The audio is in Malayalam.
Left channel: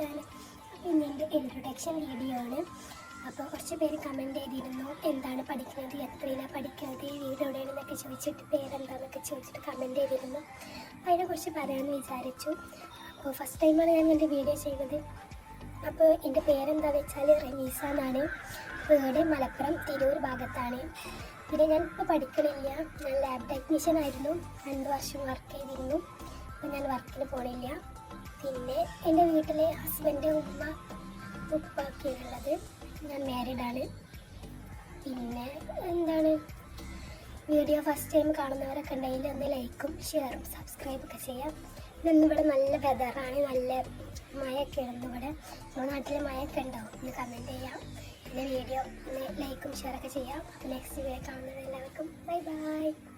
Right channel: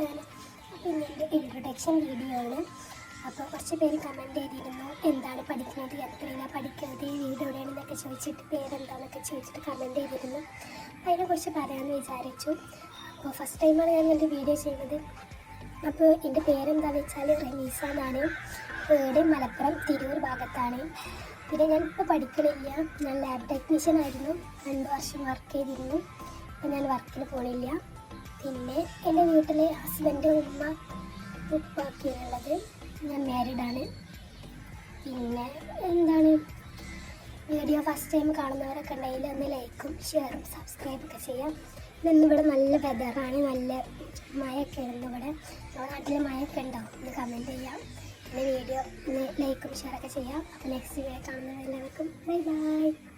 ചാനൽ. പിന്നെ എൻ്റെ ഇൻട്രൊഡക്ഷൻ വീഡിയോ ആണ്. അപ്പോൾ കുറച്ച് പേര് കമൻറ്റ് ചെയ്തിരുന്നു എന്താണ് പഠിക്കുന്നത്, എത്രയിലാണ് പഠിക്കുന്നത്, ഈ വീഡിയോ എവിടെയാണെന്നൊക്കെ ചോദിച്ചിട്ട് പേരെന്താണെന്നൊക്കെ ചോദിച്ചിട്ട് കമൻറ്റ് ചെയ്തിരുന്നു. അപ്പോൾ അതിനെക്കുറിച്ച് പറയാമെന്ന് വിചാരിച്ചു. അപ്പോൾ ഫസ്റ്റ് ടൈമാണ് ഞാൻ എൻ്റെ വീഡിയോ ചെയ്യുന്നത്. അപ്പോൾ എൻ്റെ പേരെന്താണെന്ന് വെച്ചാൽ റമീസ എന്നാണ്. വീട് മലപ്പുറം തിരൂർ ഭാഗത്താണ്. പിന്നെ ഞാനിപ്പോൾ പഠിക്കണില്ല, ഞാൻ ലാബ് ടെക്നീഷ്യൻ ആയിരുന്നു, 2 വർഷം വർക്ക് ചെയ്തിരുന്നു. അപ്പോൾ ഞാൻ വർക്കിന് പോണില്ല. പിന്നെ എൻ്റെ വീട്ടിൽ ഹസ്ബൻഡ്, ഉമ്മ, ഉപ്പാക്കിയുള്ളത്. ഞാൻ മാരീഡാണ്. പിന്നെ എന്താണ്, വീഡിയോ ഫസ്റ്റ് ടൈം കാണുന്നവരൊക്കെ ഉണ്ടെങ്കിൽ ഒന്ന് ലൈക്കും ഷെയറും സബ്സ്ക്രൈബൊക്കെ ചെയ്യാം. ഇന്നിവിടെ നല്ല വെതറാണ്, നല്ല മഴയൊക്കെ ഉണ്ട്. ഇവിടെ നമ്മുടെ നാട്ടിൽ മഴയൊക്കെ ഉണ്ടാവും, കമൻറ്റ് ചെയ്യാം. പിന്നെ വീഡിയോ ലൈക്കും ഷെയറൊക്കെ ചെയ്യാം. നെക്സ്റ്റ് വീഡിയോ കാണുന്നത് എല്ലാവർക്കും ബൈ ബൈ.